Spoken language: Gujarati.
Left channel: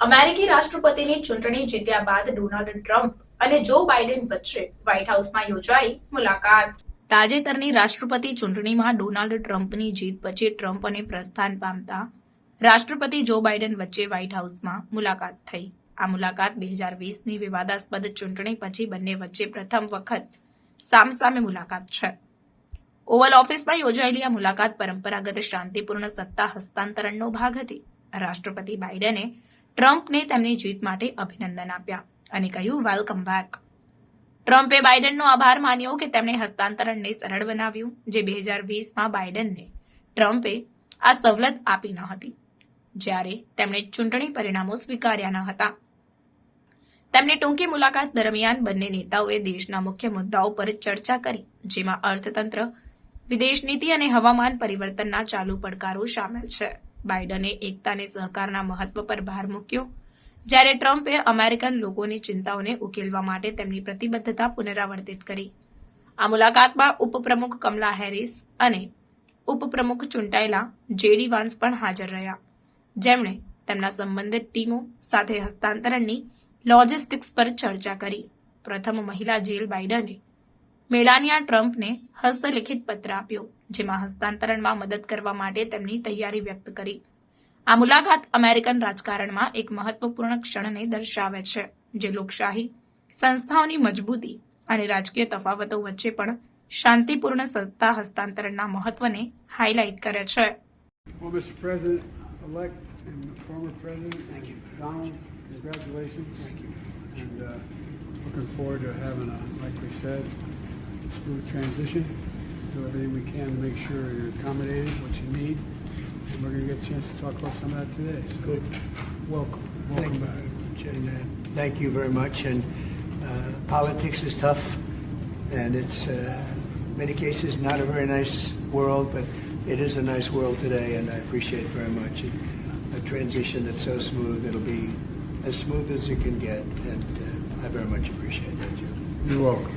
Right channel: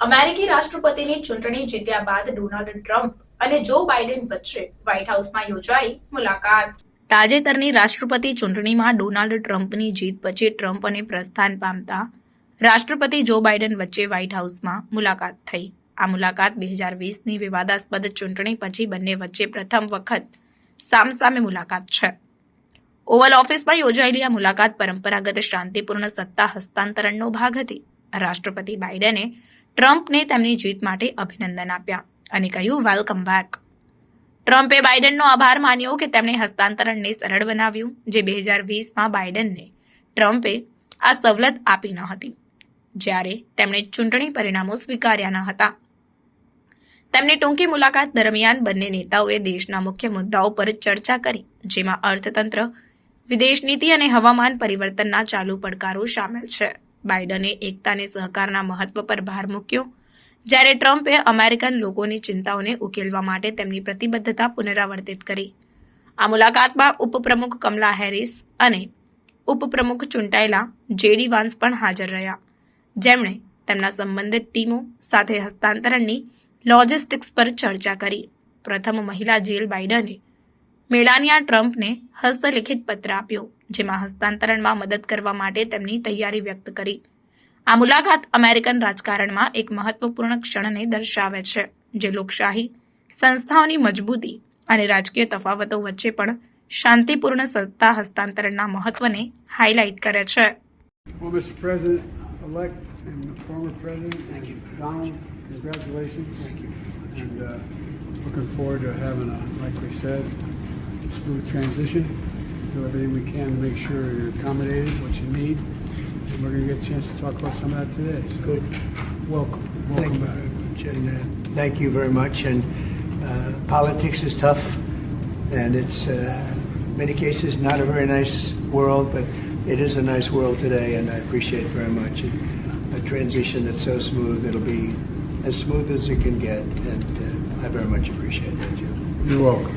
અમેરિકી રાષ્ટ્રપતિની ચૂંટણી જીત્યા બાદ ડોનાલ્ડ ટ્રમ્પ અને જો બાઇડન વચ્ચે વ્હાઇટ હાઉસમાં યોજાઈ મુલાકાત. તાજેતરની રાષ્ટ્રપતિ ચૂંટણીમાં ડોનાલ્ડ ટ્રમ્પની જીત પછી ટ્રમ્પ અને પ્રસ્થાન પામતા રાષ્ટ્રપતિ જો બાઇડન વચ્ચે વ્હાઇટ હાઉસમાં મુલાકાત થઈ. આ મુલાકાત 2020ની વિવાદાસ્પદ ચૂંટણી પછી બંને વચ્ચે પ્રથમ વખત સામસામે મુલાકાત છે. ઓવલ ઓફિસમાં યોજાયેલી આ મુલાકાત પરંપરાગત શાંતિપૂર્ણ સત્તા હસ્તાંતરણનો ભાગ હતી. રાષ્ટ્રપતિ બાઇડને ટ્રમ્પને તેમની જીત માટે અભિનંદન આપ્યા અને કહ્યું, વેલકમ બેક. ટ્રમ્પે બાઇડનનો આભાર માન્યો કે તેમણે હસ્તાંતરણને સરળ બનાવ્યું, જે 2020માં બાઇડનને ટ્રમ્પે આ સવલત આપી ન હતી, જ્યારે તેમણે ચૂંટણી પરિણામો સ્વીકાર્યા ન હતા. તેમની ટૂંકી મુલાકાત દરમિયાન બંને નેતાઓએ દેશના મુખ્ય મુદ્દાઓ પર ચર્ચા કરી, જેમાં અર્થતંત્ર, વિદેશ નીતિ અને હવામાન પરિવર્તનના ચાલુ પડકારો સામેલ છે. બાઇડને એકતા અને સહકારના મહત્વ પર ભાર મૂક્યો, જ્યારે ટ્રમ્પે અમેરિકન લોકોની ચિંતાઓને ઉકેલવા માટે તેમની પ્રતિબદ્ધતા પુનરાવર્તિત કરી. આ મુલાકાતમાં ઉપપ્રમુખ કમલા હેરિસ અને ઉપપ્રમુખ ચૂંટાયેલા જેડી વાન્સ પણ હાજર રહ્યા, જેમણે તેમના સંબંધિત ટીમો સાથે હસ્તાંતરણની લોજિસ્ટિક્સ પર ચર્ચા કરી. પ્રથમ મહિલા જીલ બાઇડને મેલાનિયા ટ્રમ્પને હસ્તલિખિત પત્ર આપ્યો, જેમાં હસ્તાંતરણમાં મદદ કરવા માટે તેમની તૈયારી વ્યક્ત કરી. આ મુલાકાત અમેરિકન રાજકારણમાં એક મહત્વપૂર્ણ ક્ષણને દર્શાવે છે, જે લોકશાહી, સંસ્થાઓની મજબૂતી અને રાજકીય તફાવતો વચ્ચે પણ શાંતિપૂર્ણ સત્તા હસ્તાંતરણના મહત્વને હાઇલાઇટ કરે છે. Well, Mr. President-elect and former President, thank you. Donald, congratulations. Thank you. And looking forward to having like we said, smooth transition. Do everything we can to make sure you're accommodated, what you need. And we're going to get a chance to talk about some of that today. So good. Welcome. Thank you Back. very much. And thank you very much. And politics is tough, and it's in many cases not a very nice world, but it is a nice world today, and I appreciate it very much. And a transition that's so smooth, it'll be as smooth as it can get, and I very much appreciate that, Joe. You're welcome.